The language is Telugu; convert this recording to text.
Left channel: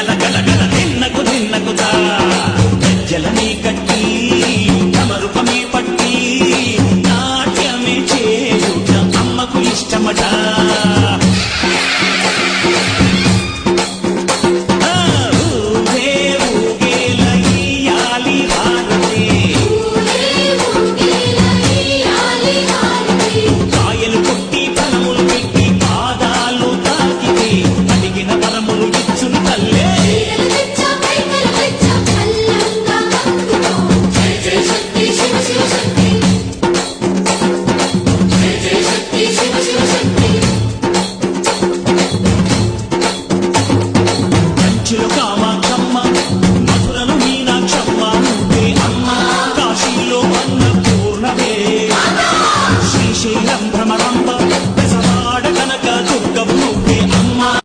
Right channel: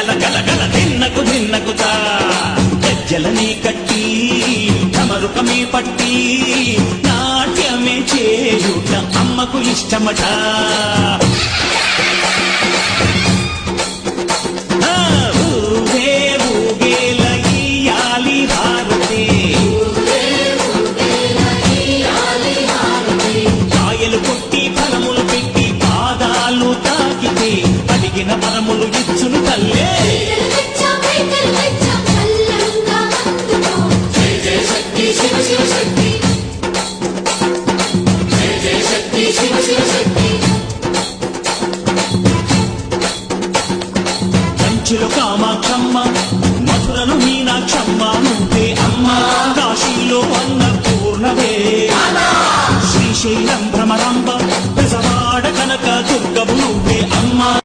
గల గల గల దిన్నకు దిన్నకుతా గజ్జలనే కట్టి తమరుపమే పట్టి నాట్యమే చేయుట అమ్మకు ఇష్టమట. ఊరే ఊగేల ఇయ్యాలి హారతి, కాయలు కొట్టి ఫలములు పెట్టి పాదాలు తాకితే అడిగిన వరములు ఇచ్చును తల్లే. కంచిలో కామాక్షమ్మ, మధురలో మీనాక్షమ్మ నువ్వే అమ్మ, కాశీలో అన్నపూర్ణవే, శ్రీశైలం భ్రమరాంబ, బెజవాడ కనక దుర్గవు నువ్వే అమ్మ.